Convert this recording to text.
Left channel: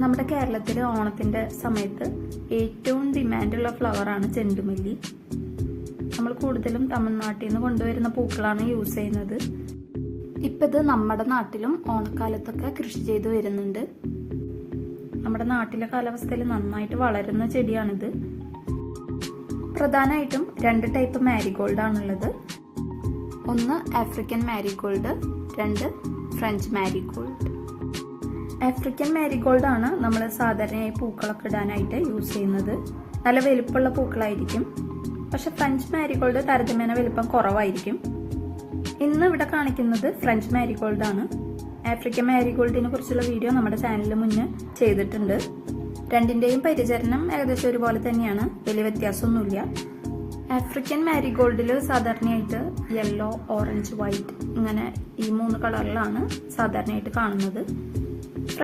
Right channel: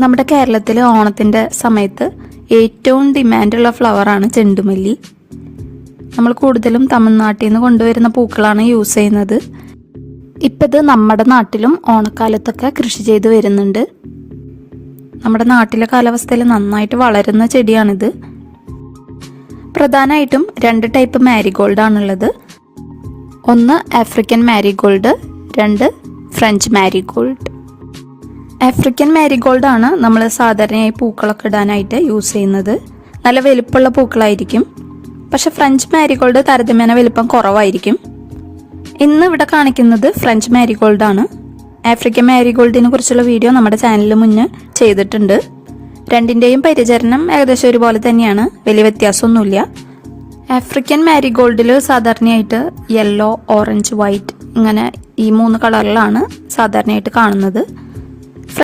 നമ്മുടെ കേരളത്തിൽ ഓണത്തിൻ്റെ സമയത്ത് ഏറ്റവും ഡിമാൻഡുള്ള ഫ്ലവറാണ് ചെണ്ടുമല്ലി. നമ്മൾ കൂടുതലും തമിഴ്നാട്ടിൽ നിന്ന് കൊണ്ടുവരുന്ന പൂക്കളാണ് യൂസ് ചെയ്യുന്നത്. ഇപ്പം ഇത് നമ്മുടെ നാട്ടിലും ഓണക്കാലത്തൊക്കെ കൃഷി ചെയ്ത് വരുന്നുണ്ട്. നമ്മുടെ നാട്ടിലെ കാലാവസ്ഥയിൽ നന്നായിട്ട് വളരുന്ന ചെടിയാണിത്. പ്രധാനമായിട്ടും 2 ടൈപ്പ് മാരിഗോൾഡാണുള്ളത്. ഒന്ന് African marigold, 2 French marigold. African marigold ആണ് നമ്മൾ സാധാരണയായി പൂക്കളൊക്കെ ഇടാനായിട്ട് യൂസ് ചെയ്യുന്നത്. നല്ല വലുപ്പമുള്ള പൂക്കളായിരിക്കും. പക്ഷെ ഫ്രഞ്ച് മാരിഗോൾഡ് താരതമ്യേന വലുപ്പം കുറവായിരിക്കും. ഇന്ന് ഇവിടെ കാണിക്കുന്നത് ഫ്രഞ്ച് മാരിഗോൾഡ് ആണ്. ആഫ്രിക്കൻ മാരിഗോൾഡിനെ കുറിച്ചുള്ള വീഡിയോ നമ്മുടെ ചാനലിൽ മുന്നേ ചെയ്തിട്ടുണ്ട്. രണ്ടിൻ്റെയും പരിചരണം ഏകദേശം ഒരുപോലെ തന്നെയാണ്, വലിയ വ്യത്യാസമൊന്നുമില്ല. ആഫ്രിക്കൻ മാരിഗോൾഡിൽ സാധാരണയായിട്ട് യെല്ലോ, ഓറഞ്ച്, വൈറ്റ് ഇങ്ങനെ ഈ 3 കളറിലാണ് സാധാരണയായിട്ട് കാണുന്നത്.